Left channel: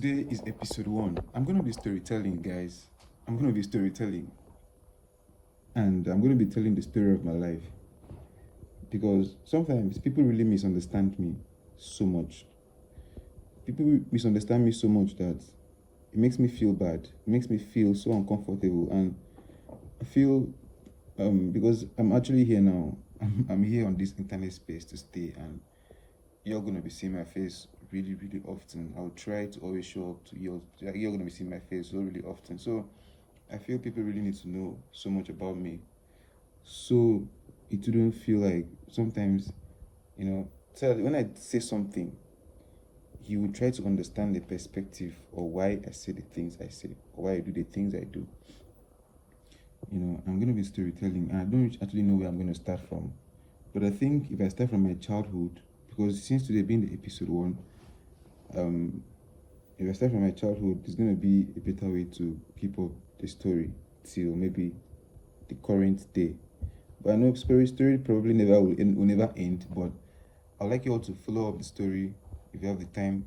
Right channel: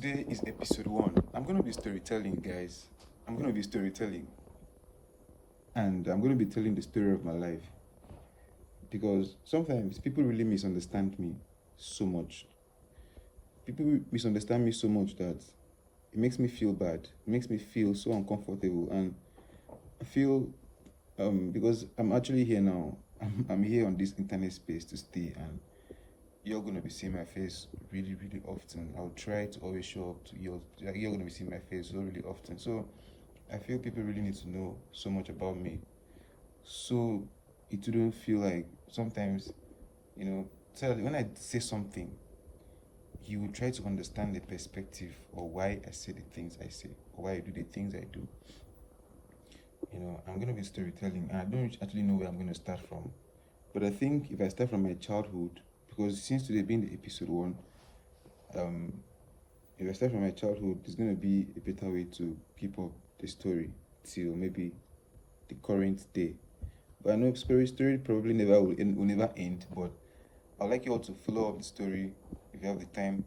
Today is episode one. I'm gonna be storytelling, guys. I'm gonna be storytelling. And I'm gonna be telling the story of my life. Because sometimes people really misunderstand me so much. People misunderstand me so much that it makes me feel bad. It makes me feel so uncomfortable. And I feel because I'm actually here now. I'm here on this internet space to stay, and you're gonna be seeing my face really, really often. I'll try to always show up to you. You're gonna be seeing my face so really often. So I feel people really need to know so much about me. So it wouldn't feel like sometimes, when I say something, you will try to understand the perspective or why I say the things I say, why I do the things I do. I'm gonna be storytelling, and I don't actually know where I'm gonna start from. But I think if I start from my childhood, because since today being the episode one, um, if I start from my childhood, it's gonna be a better way to keep up the story till maybe the current day. But I know story probably will never end. But I'd like you all to follow up the story if you have the time,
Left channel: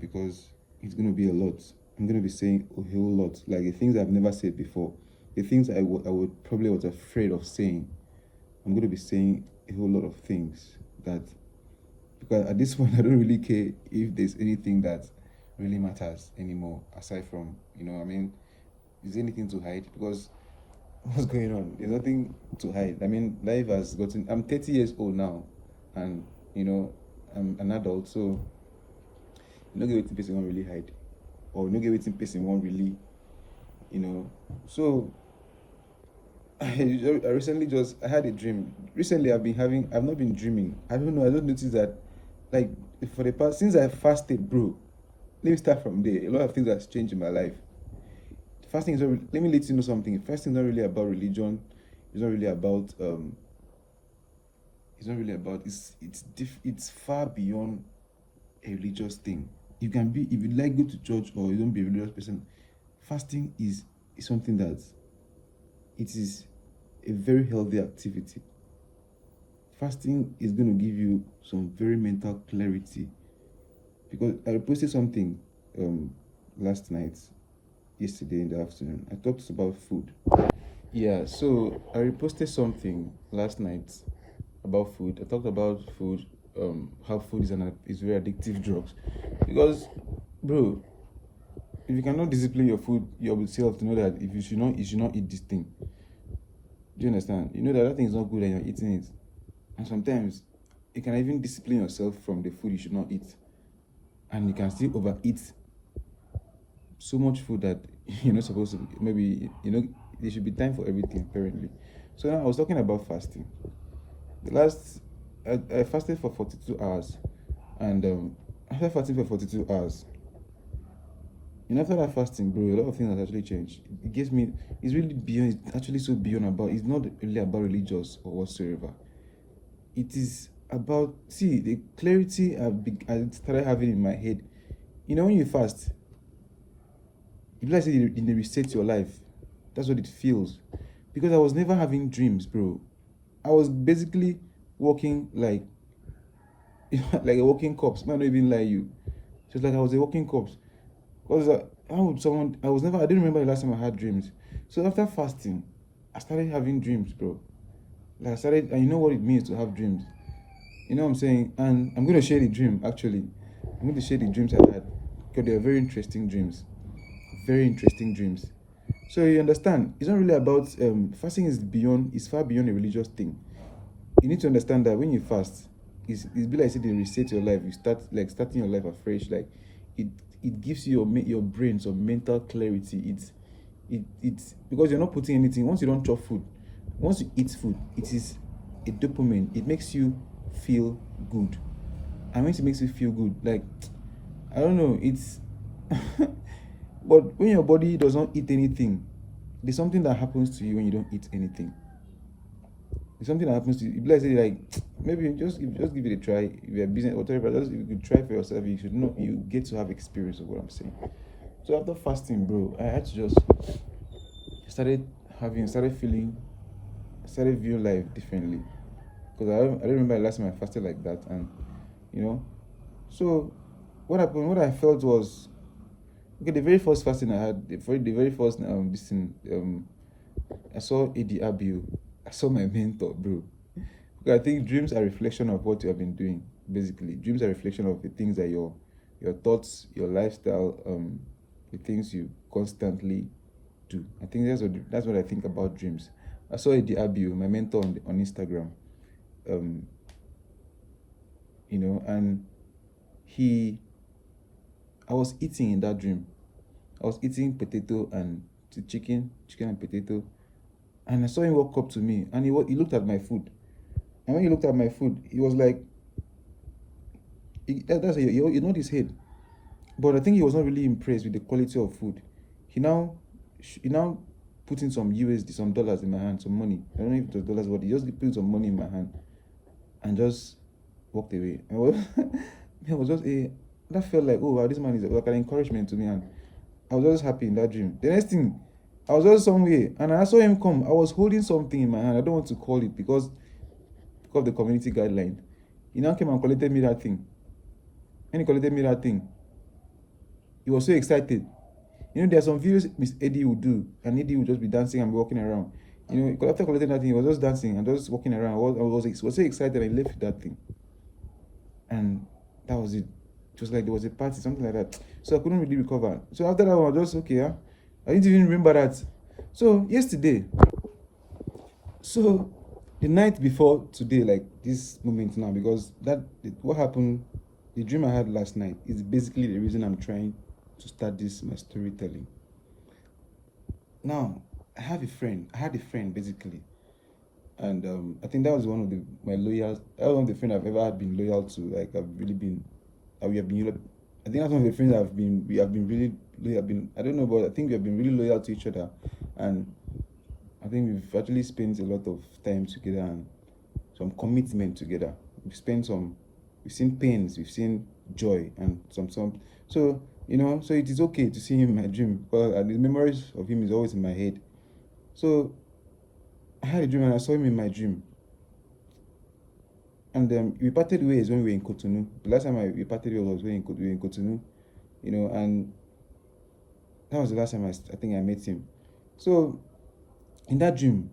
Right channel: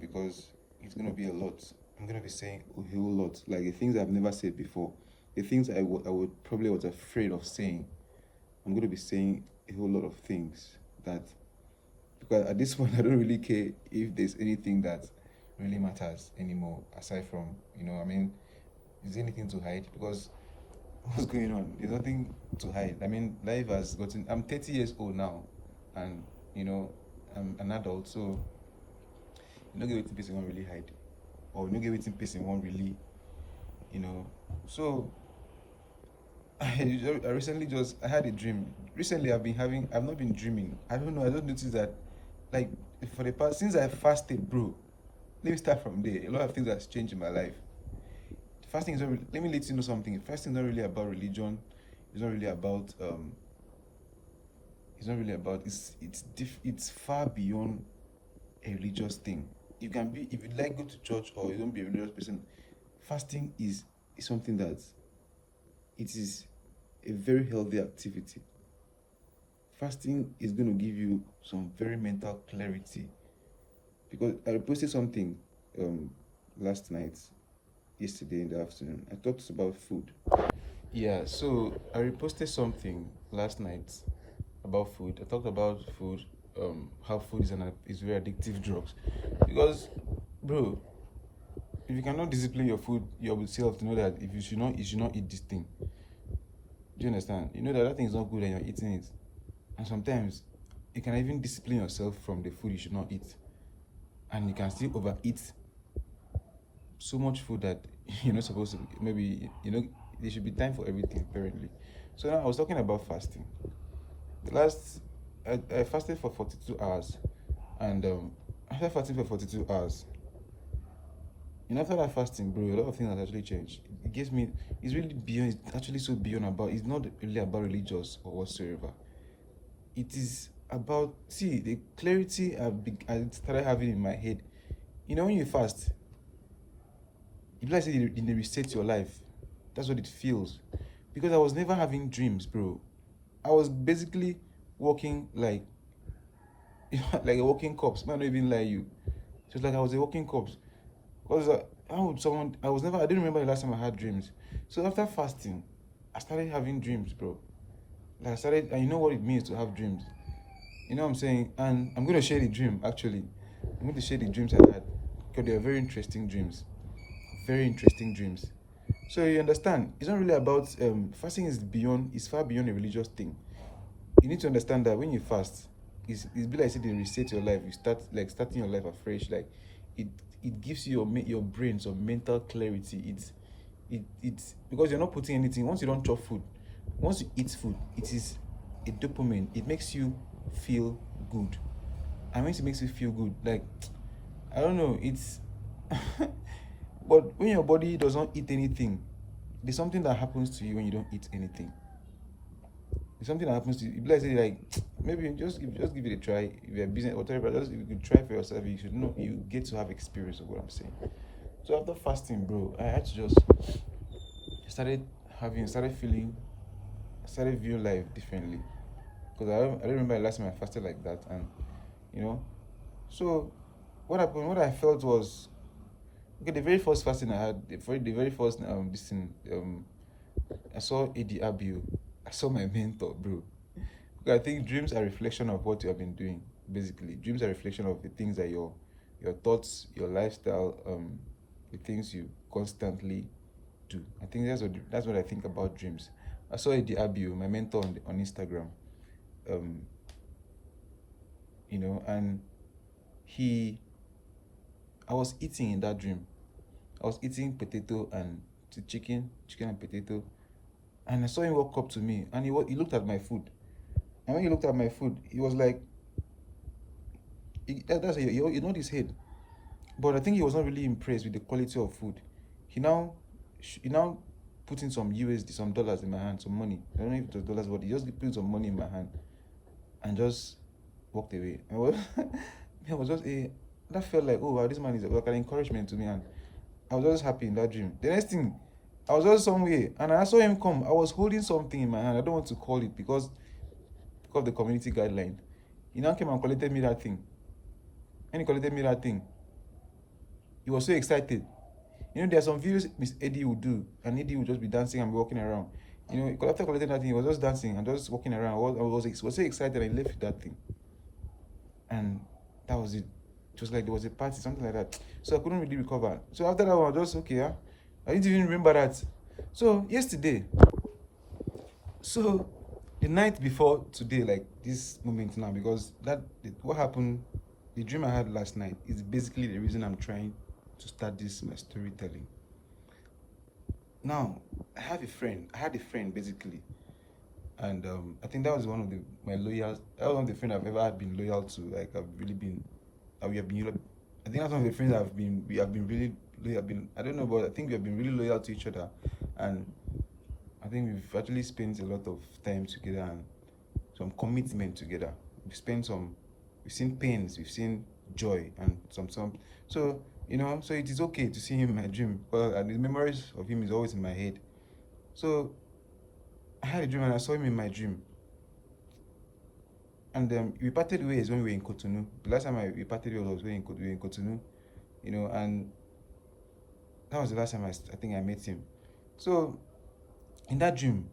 because it's gonna be a lot. I'm gonna be saying a whole lot, like the things I've never said before, the things I would probably was afraid of saying. I'm gonna be saying a whole lot of things that, because at this point I don't really care if there's anything that really matters anymore aside from, is there anything to hide? Because what's going on? There's nothing to hide. I mean, life has gotten. I'm 30 years old now, and I'm an adult, so you don't get waiting person won't really hide, or no get waiting person won't really, So I recently I had a dream. Recently, I've not been dreaming. I don't know. I just noticed that, like, for the past since I fasted, bro. Let me start from there. A lot of things has changed in my life. Fasting is not let me let you know something. Fasting is not really about religion. It's not really about it's not really about it's far beyond a religious thing. You can be, if you like, go to church, or you don't be a religious person. Fasting is something that it is a very healthy activity. Fasting is going to give you some very mental clarity, because I posted something last night, yesterday in the afternoon. I talked about food. Yeah, so I reposted something last night about food. I talked about food, how food is very addictive drugs. Because, bro, if you cannot discipline your food yourself to know that if you should not eat this thing. Do you understand? You know that thing is not good and you're eating it. And sometimes you can even discipline yourself from the food you should not eat. And you can still overeat so much food that you're not supposed to. Maybe there should be time for everything, apparently. So now I was talking about fasting. I fasted for 42 hours, and after fasting for 42 hours, after that fasting, bro, a lot of things has actually changed. It gives me, it's really beyond, it's actually so beyond about, it's not really about religious or whatsoever. It is about, see, the clarity I started having in my head. When you fast, if like say they reset your life, that's what it feels. Because I was never having dreams, bro. I was basically walking like like a walking corpse. Man, not even lie you. Just like I was a walking corpse. Because how would someone? I didn't remember the last time I had dreams. So after fasting, I started having dreams, bro. Like and you know what it means to have dreams. You know what I'm saying? And I'm going to share the dream, actually. I'm going to share the dreams I had, because they are very interesting dreams. Very interesting dreams. So you understand, it's not really about fasting is far beyond a religious thing. You need to understand that when you fast, it's be like say they reset your life. You start like starting your life afresh. Like it gives you your brain some mental clarity. It's because you're not putting anything. Once you don't chop food, once you eat food, it is a dopamine. It makes you feel good. And once it makes you feel good, like, I don't know, it's but when your body does not eat anything, there's something that happens to you when you don't eat anything. There's something that happens to you. Let's say, like, maybe just give it a try. If you're a business or whatever, just if you could try for yourself, you should know, you get to have experience of what I'm saying. So after fasting, bro, I had to just started viewing life differently. Because I don't remember the last time I fasted like that, and so what happened? What I felt was Okay, the very first fasting I had, the very first this thing, I saw AD Abiu. I saw my mentor, bro. Okay, I think dreams are a reflection of what you have been doing. Basically, dreams are a reflection of the things that your thoughts, your lifestyle, the things you constantly do. I think that's what I think about dreams. I saw AD Abiu, my mentor on Instagram, um, and he, I was eating in that dream. I was eating potato and chicken and potato, and I saw him walk up to me, and he looked at my food, and when he looked at my food, he was like, he nodded his head, but I think he was not really impressed with the quality of food. He now put in some USD, some dollars in my hand, some money. I don't know if it was dollars, but he just put some money in my hand and just walked away. It was just that felt like, oh wow, this man is like an encouragement to me, and I was just happy in that dream. The next thing, I was just somewhere and I saw him come. I was holding something in my hand. I don't want to call it because of the community guideline. He now came and collected me that thing. When he collected me that thing, he was so excited. There are some videos Miss Eddie would do, and Eddie would just be dancing and be walking around. After collecting that thing, he was just dancing and just walking around. I was so excited. I left that thing, and that was it. It was like there was a party, something like that. So I couldn't really recover. So after that, I was just okay. I didn't even remember that. So yesterday, so the night before today, like this moment now, because what happened, the dream I had last night is basically the reason I'm trying to start my storytelling. Now, I had a friend basically, and I think that was one of that was one of the friends I've ever been loyal to. Like I've really been, we have been. I think that's one of the friends we have been really loyal. I don't know, but I think we have been really loyal to each other, and I think we've actually spent a lot of time together and some commitment together. We've seen pains, we've seen joy, and some. So so it is okay to see him in my dream, because the memories of him is always in my head. So I had a dream and I saw him in my dream. And we parted ways when we were in Cotonou. The last time we parted ways was when we were in Cotonou, and that was the last time I think I met him. So in that dream,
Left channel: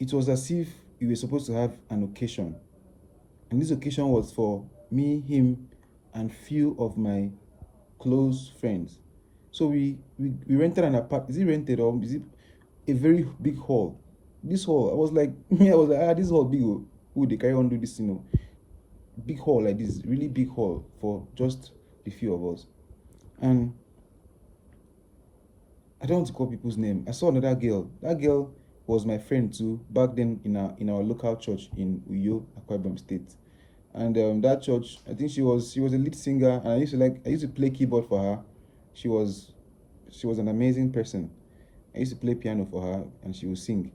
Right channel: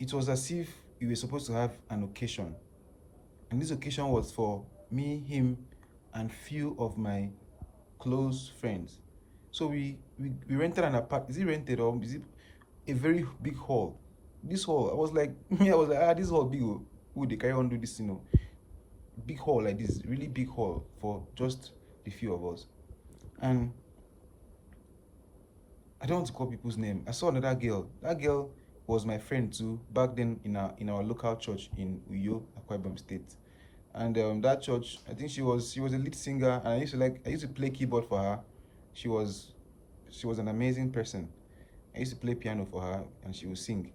it was as if we were supposed to have an occasion. And this occasion was for me, him, and few of my close friends. So we rented an apartment. Is it rented or is it a very big hall? This hall, I was like, this hall big. Who they carry on do this, big hall like this, really big hall for just the few of us. And I don't want to call people's name. I saw another girl. That girl was my friend too back then in our local church in Uyo, Akwa Ibom State. And that church, I think she was a lead singer, and I used to play keyboard for her. She was an amazing person. I used to play piano for her, and she would sing.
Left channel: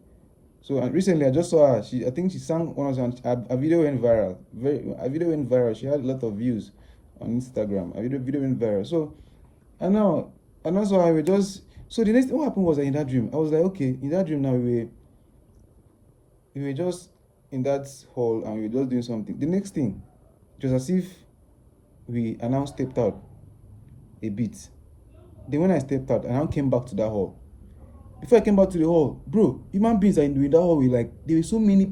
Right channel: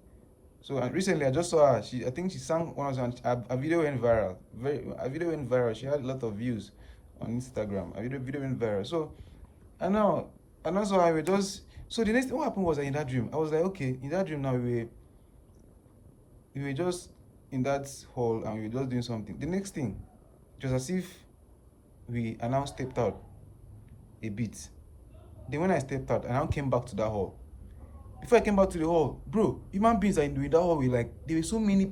So recently I just saw her. I think she sang one of a video went viral. A video went viral. She had a lot of views on Instagram. A video went viral. So and also I was just, so the next thing what happened was that in that dream I was like, okay, in that dream now we were just in that hall and we were just doing something. The next thing, it was as if we announced stepped out a bit. Then when I stepped out, I now came back to that hall. Before I came back to the hall, bro, human beings are in that hall. There were so many,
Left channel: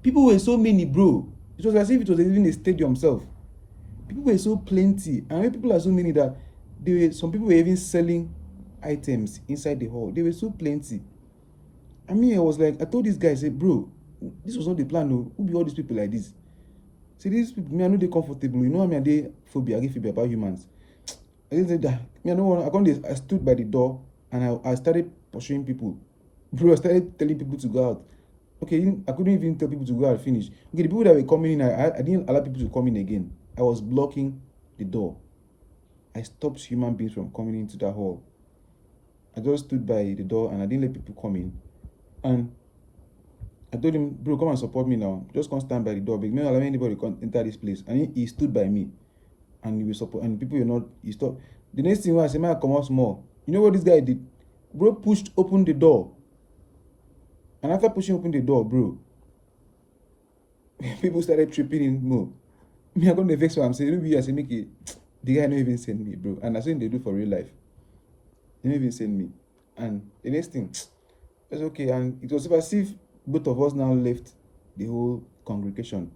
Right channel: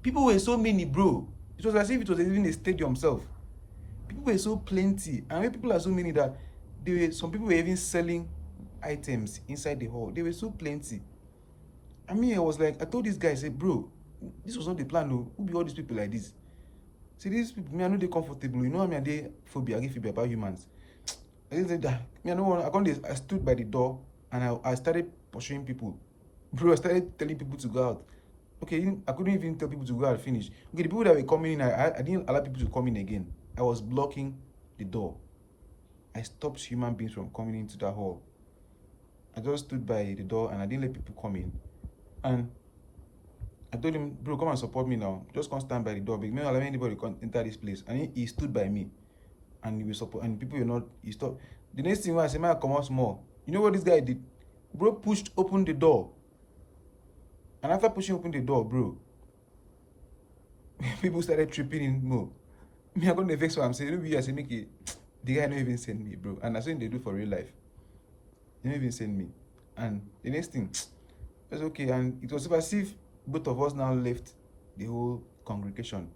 people were so many, bro. It was as if it was even a stadium itself. People were so plenty, and when people are so many that some people were even selling items inside the hall. They were so plenty. I mean, I was like, I told this guy, I said, bro, this was not the plan. No, who be all these people like this? See, these people, I know they're comfortable. You know, I get phobia about humans. I didn't say that. I stood by the door and I started pursuing people. Bro, I started telling people to go out. Okay, I couldn't even tell people to go out and finish. Okay, the people that were coming in, I didn't allow people to come in again. I was blocking the door. I stopped human beings from coming into that hall. I just stood by the door and I didn't let people come in. And I told him, bro, come and support me now. Just come stand by the door. Because me not allow anybody to enter this place. And he stood by me. And he will support. And people were not. He stopped. The next thing was I said, man, come out small. You know what this guy did? Bro pushed open the door. And after pushing open the door, bro, people started tripping in more. Me, I'm going to vex what I'm saying. I say, make it. The guy not even send me, bro. And that's what they do for real life. He didn't even send me. And the next thing, it's okay. And it was as if both of us now left the whole congregation,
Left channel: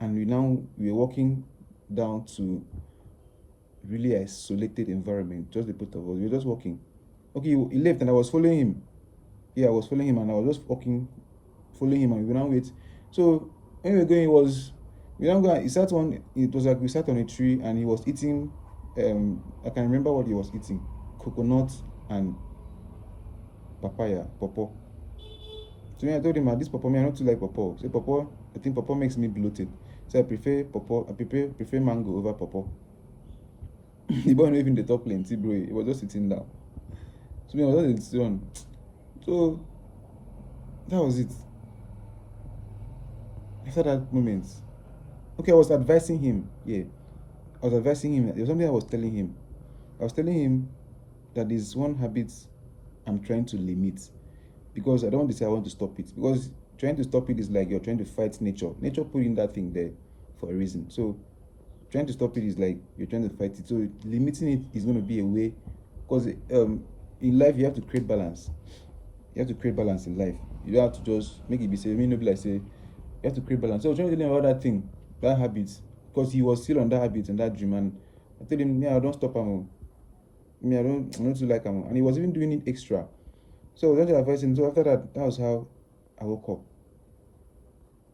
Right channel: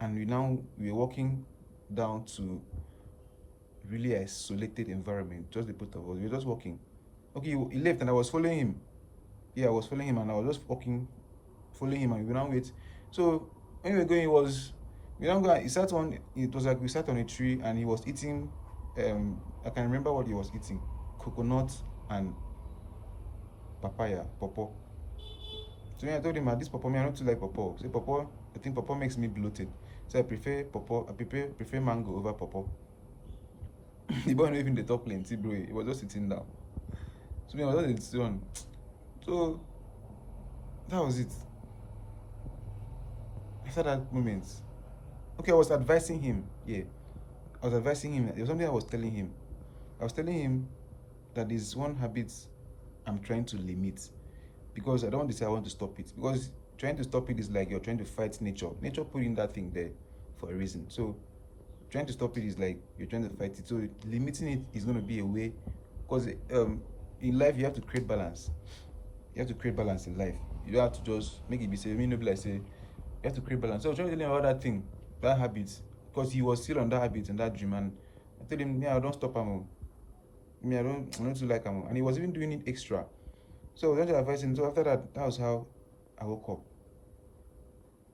and we were walking down to really isolated environment, just the both of us. We were just walking. Okay, he left and I was following him. Yeah, I was following him and I was just walking, following him, and we now wait. So when we were going, we don't go. He sat on. It was like we sat on a tree and he was eating. I can remember what he was eating: coconut and papaya, pawpaw. So when I told him, this pawpaw, me, I don't too like pawpaw. Say pawpaw, I think pawpaw makes me bloated. So I prefer pawpaw. I prefer mango over pawpaw. The boy not even the top plenty, bro. He was just sitting down. So me, I was just sitting on. So that was it. After that moment, okay, I was advising him. Yeah, I was advising him. There was something I was telling him. I was telling him that there's one habit I'm trying to limit, because I don't want to say I want to stop it, because trying to stop it is like you're trying to fight nature. Nature put in that thing there for a reason. So trying to stop it is like you're trying to fight it. So limiting it is going to be a way, because in life you have to create balance. You have to create balance in life. You don't have to just make it be say, me no be like say, you have to create balance. So I was trying to tell him about that thing, that habit, because he was still on that habit and that dream, and I told him, yeah, I don't stop him. I don't too like him, and he was even doing it extra. So I was trying to advise him. So after that, that was how I woke up.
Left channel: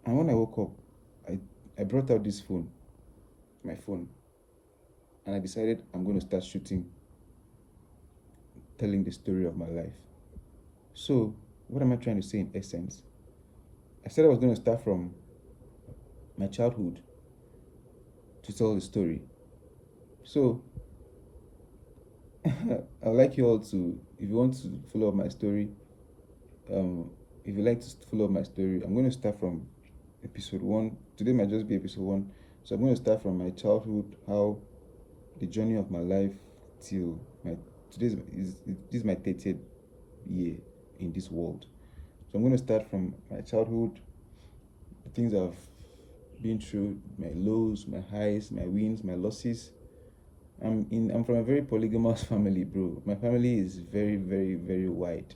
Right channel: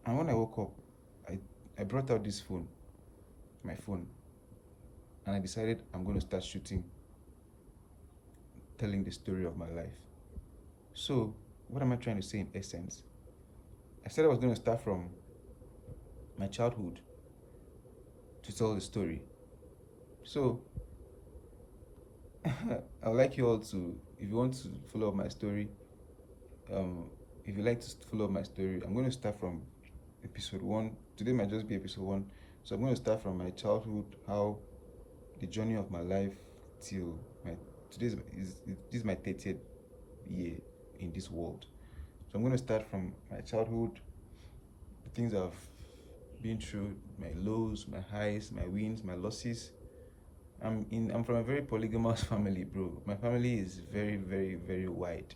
And when I woke up, I brought out this phone, my phone, and I decided I'm going to start shooting, telling the story of my life. So what am I trying to say in essence? I said I was going to start from my childhood to tell the story. So I'd like you all to, if you want to follow up my story, if you like to follow up my story, I'm going to start from episode 1. Today might just be episode 1. So I'm going to start from my childhood, how the journey of my life till this is my 30th year in this world. So I'm going to start from my childhood, the things I've been through, my lows, my highs, my wins, my losses. I'm from a very polygamous family, bro. My family is very, very, very wide.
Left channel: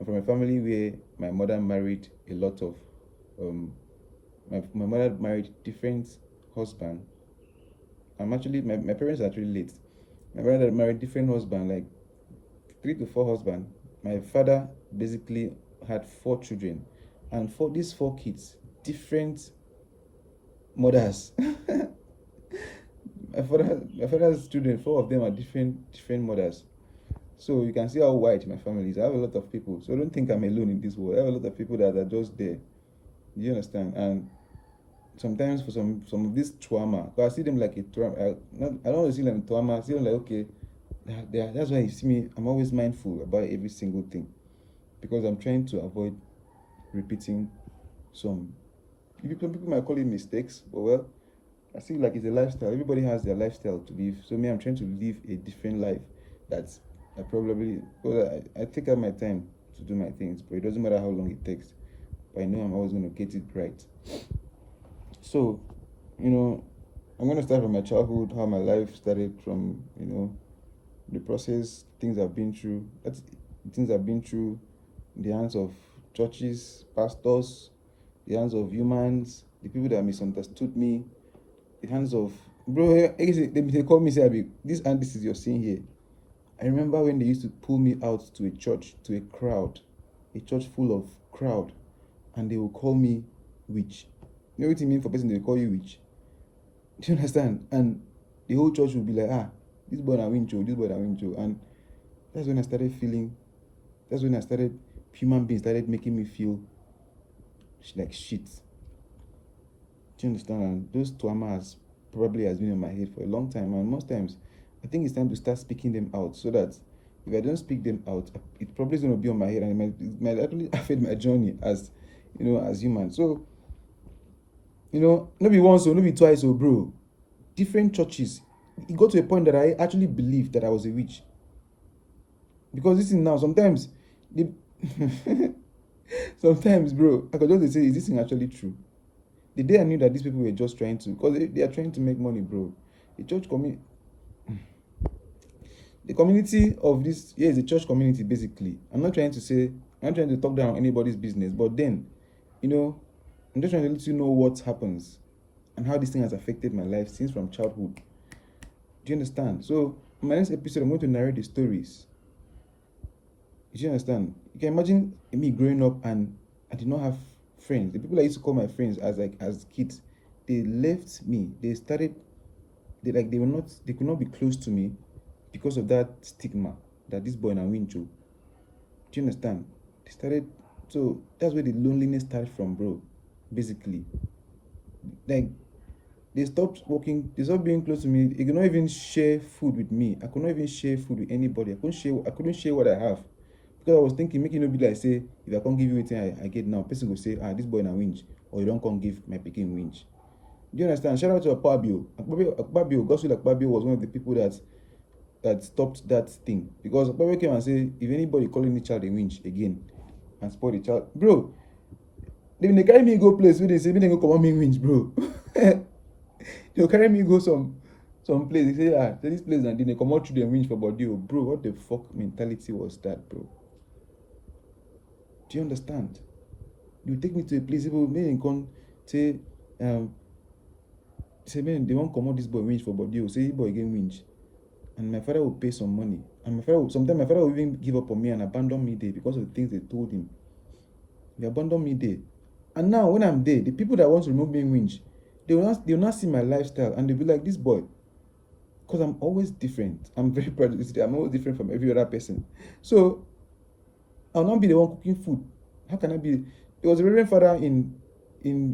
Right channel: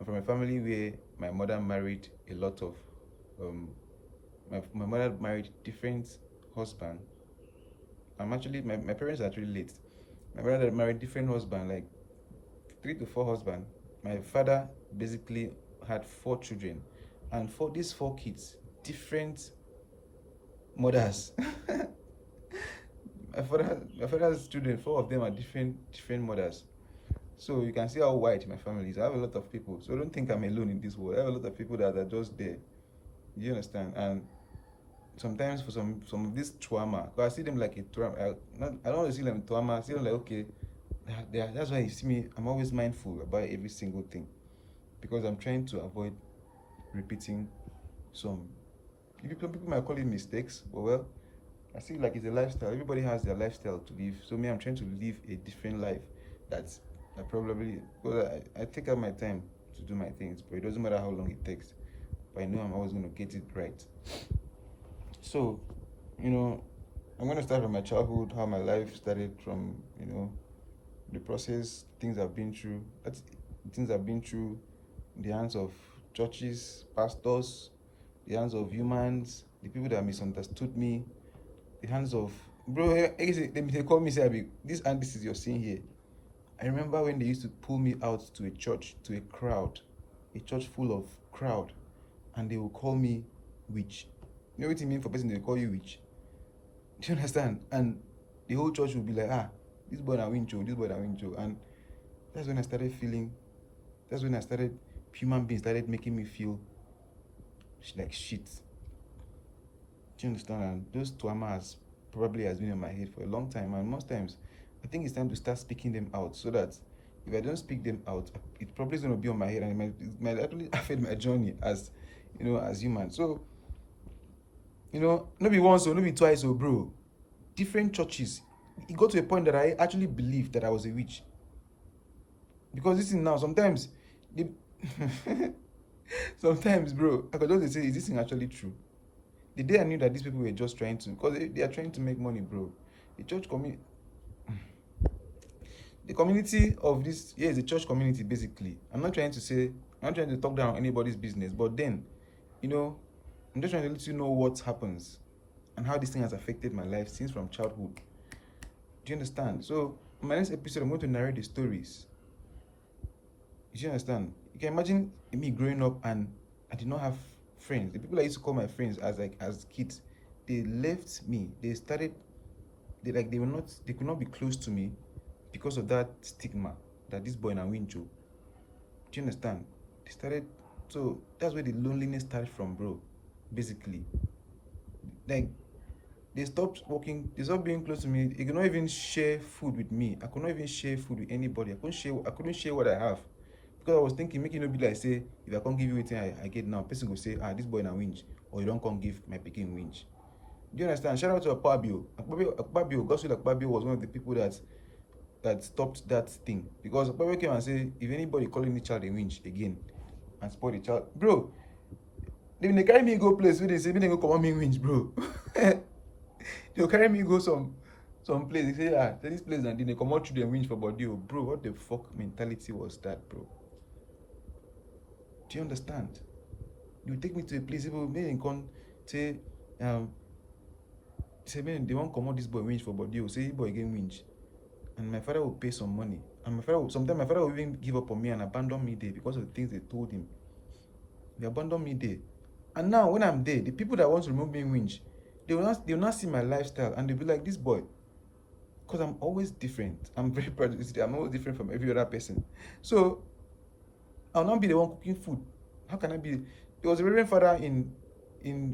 I'm from a family where my mother married a lot of my mother married different husbands. My parents are actually late. My brother married different husbands, like 3 to 4 husbands. My father basically had 4 children, and for these 4 kids, different mothers. my father's children, 4 of them are different mothers. So you can see how wide my family is. I have a lot of people, so don't think I'm alone in this world. I have a lot of people that are just there. You understand? And sometimes for some of this trauma, because I see them like a trauma. I don't want to see them trauma. I see them like, okay, that's why you see me. I'm always mindful about every single thing, because I'm trying to avoid repeating some people might call it mistakes, but well, I see like it's a lifestyle. Everybody has their lifestyle to live. So me, I'm trying to live a different life. That's I probably, because I take out my time to do my things, but it doesn't matter how long it takes. But I know I'm always going to get it right. So, I'm going to start from my childhood, how my life started from, the process, things I've been through. That's things I've been through in the hands of churches, pastors, the hands of humans, the people that misunderstood me, the hands of, bro, they call me, say, this and this is your sin here. I remember when they used to pull me out to a church, to a church full of crowd, and they will call me witch. You know what it means for person they call you witch? Do you understand? And the whole church will be like, this boy na wincho, this boy na wincho. And that's when I started human beings started making me feel like shit. Do you understand? And those traumas probably has been in my head for a long time, and most times I think it's time to start speaking them out, so that if I don't speak them out, it probably is going to be on my head, and it might actually affect my journey as human. So not be once or not be twice, bro. Different churches, it got to a point that I actually believed that I was a witch, because this thing now sometimes sometimes, bro, I could just say, is this thing actually true? The day I knew that these people were just trying to, because they are trying to make money, bro. The church community, The community of this here is the church community basically. I'm not trying to talk down anybody's business, but then, I'm just trying to let you know what happens and how this thing has affected my life since from childhood. Do you understand? So in my next episode, I'm going to narrate the stories. Do you understand? You can imagine me growing up and I did not have friends. The people I used to call my friends as kids, they left me. They could not be close to me because of that stigma that this boy na wincho. Do you understand? So that's where the loneliness started from, bro. Basically, like they stopped being close to me. They could not even share food with me. I could not even share food with anybody. I couldn't share what I have. Because I was thinking, make it not be like, say, if I can't give you anything I get now, person will say, this boy na winch, or you don't come give my picking winch. Do you understand? Shout out to Akpabio. Godswill Akpabio was one of the people that stopped that thing. Because Akpabio came and said, if anybody calling the child a winch again and spoil the child, bro, they carry me go place where they say, they go come on me winch, bro. They'll carry me go some place. They say, this place, and then they come out through the winch for body. Bro, what the fuck mentality was that, bro? Do you understand? You take me to a place, people may come say, man, they won't come out this boy winch for body. Say, boy again winch. And my father will pay some money. And sometimes my father will even give up on me and abandon me there because of the things they told him. They abandoned me there. And now when I'm there, the people that want to remove me winch, they will not see my lifestyle and they'll be like, this boy. Because I'm always different. I'm very proud of this. I'm always different from every other person. So I'll not be the one cooking food. How can I be? There was a reverend father in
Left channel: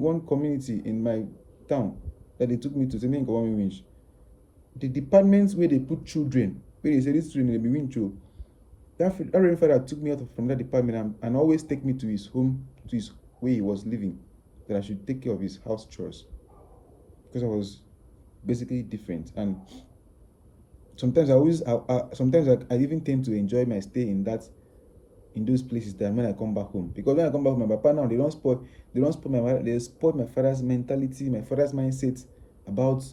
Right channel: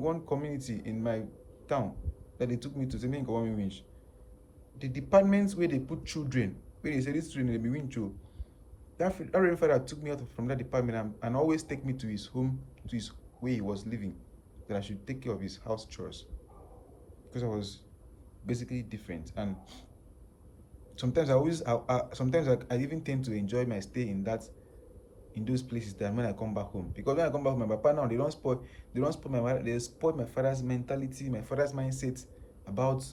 one community in my town that they took me to. The departments where they put children, where they say this children they be wincho. That reverend father took me out from that department and always take me to his home, to his where he was living, that I should take care of his house chores, because I was basically different. And sometimes I even tend to enjoy my stay in those places than when I come back home. Because when I come back home, my papa now they spoil my father's mentality, my father's mindset about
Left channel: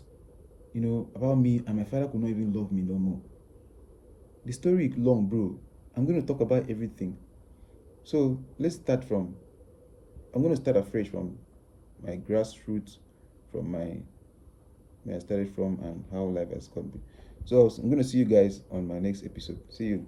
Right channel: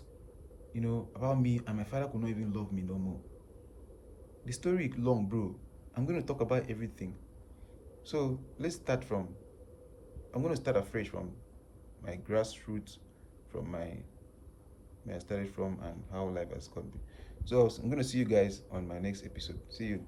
me, and my father could not even love me no more. The story is long, bro. I'm going to talk about everything. So I'm going to start afresh from my grassroots, from where I started from, and how life has come. So I'm going to see you guys on my next episode. See you.